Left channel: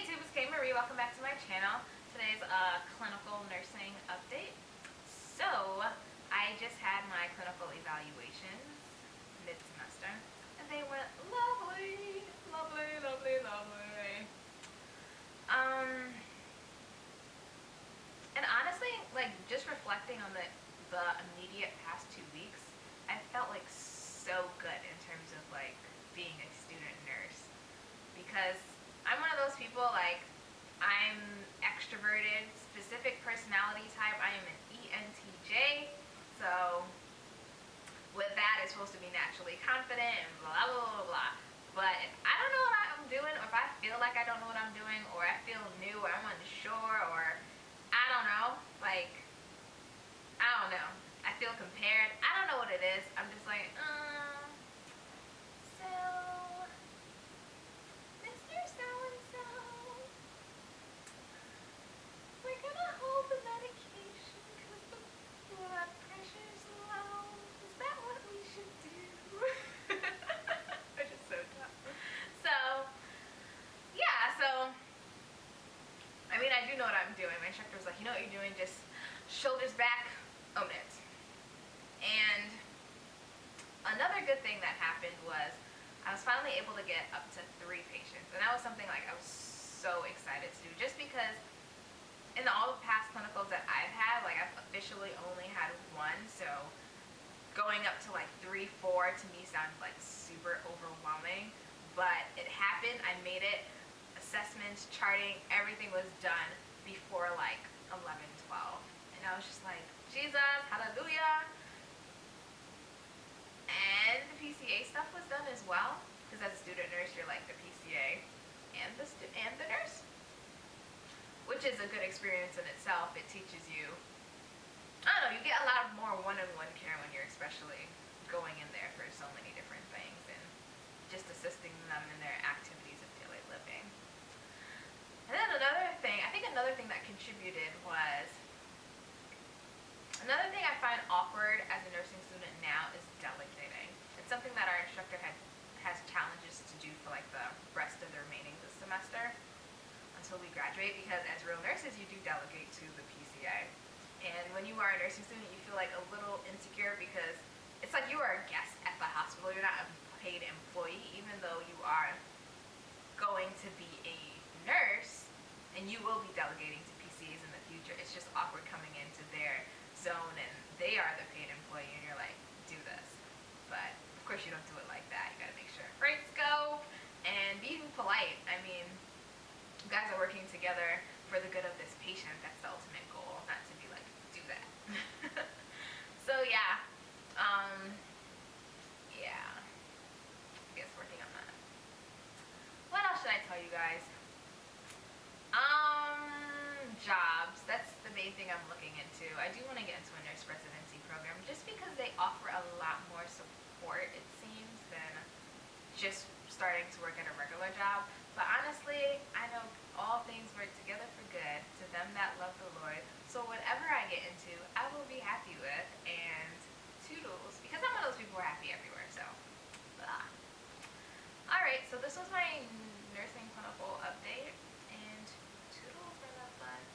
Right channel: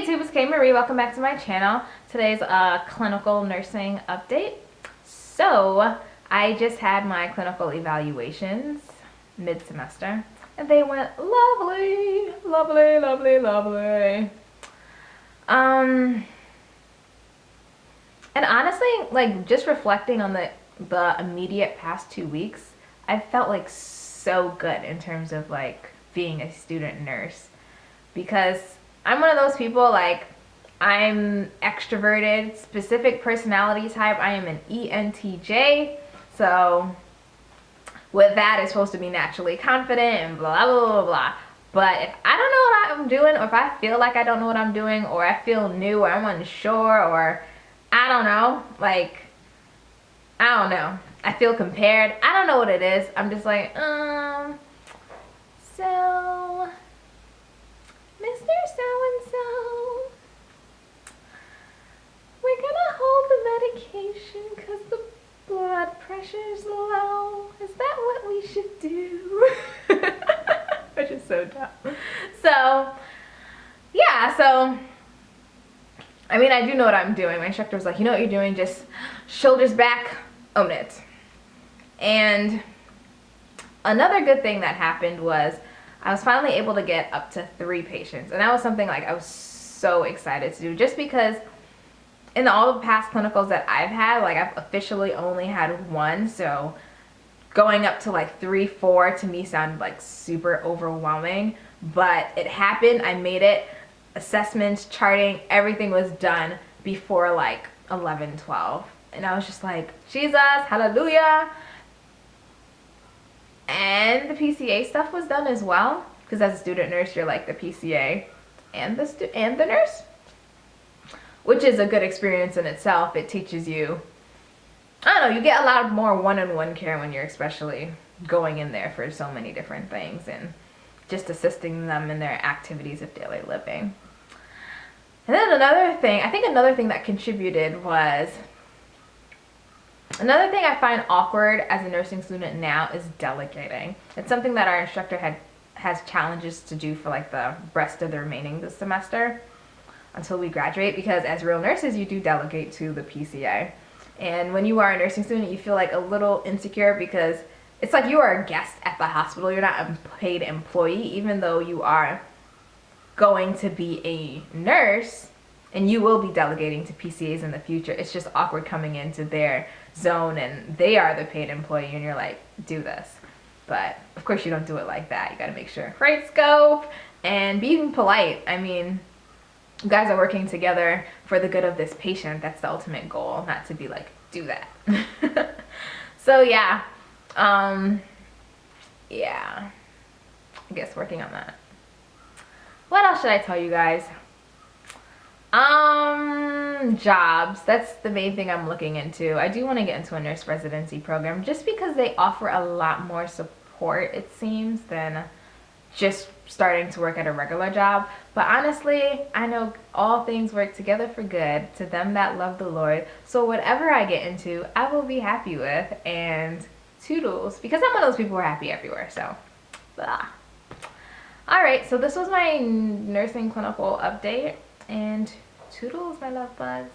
Hey YouTube, it's Kay Marie. Welcome back to my channel. Today's a clinical nursing update. So, I just had my clinical evaluations mid-semester, and they went lovely, lovely, lovely, lovely. And honestly, like just reflecting on the immediate past 2 weeks, I felt like so good in terms of like being a student nurse because I'm one of those people, like, I'm extroverted, specific personality type. I am an ENTJ. So with that, it's supposed to be naturally confident and blah, blah, blah, blah. But if I don't know what I'm doing, or if I feel like I don't know what I'm doing, or I feel new, or I'm unsure, or I don't know, like, I don't know. I feel compared. I don't know what it is. I'm just like, so Mr. So-and-so, we're gonna hold the medication because the blood pressure's low. Is that what we should do? Which is so dumb. So, yeah, so, I mean, I do know what I'm doing. My instructor was like, you know what you're doing? Just shoulders back, own it. And another good thing that happened was I was finally able to get up to 3 patients. And that was something like I was so excited to do, just because in all the past clinicals that I've had, like I've officially only had 1. So going up to like 3, 4 to me sounded like super overwhelming, but it happened. I made it. Assessments, charting, everything was done before like 11, 12. And I was just like, Jesus, hallelujah. And the PCA stuff was done as well, because as a student nurse, you're like the PCA and the nurse, which is a good experience in itself. It teaches you, I don't know, you get a lot more one-on-one care when you're especially going in there for so many different things and just assisting them in their activities of daily living. And then another thing that contributed was, another thing I find awkward as a nursing student now is delegating. It's something that our instructor has challenges to do for like the rest of the remaining this semester until we graduate, because as real nurses you do delegate to the PCA. And when you are a nursing student, you feel like a little insecure because it's like you are a guest at the hospital. You're not a paid employee, even though you are going to be a nurse and you will be delegating to PCAs in the future. It's just awkward coming into their zone and they are the paid employee and you're like, do this. But of course you don't do it like that. You gotta make sure, right scope, and being polite. I mean, you guys are working together for the good of this patient. That's the ultimate goal, not to be like, do that. So yeah, yeah, I guess working on that. What else should I tell you guys? Jobs. That's the main thing I'm looking into. I do want to get into a nurse residency program just because they offer a lot more support, it seems, than just starting to work at a regular job. But honestly, I know all things work together for good to them that love the Lord. So whatever I get into, I will be happy with, and toodles, because I'm one of those people who are happy everywhere. So, blah. All right, so this was my nursing clinical update, and toodles, my love bugs.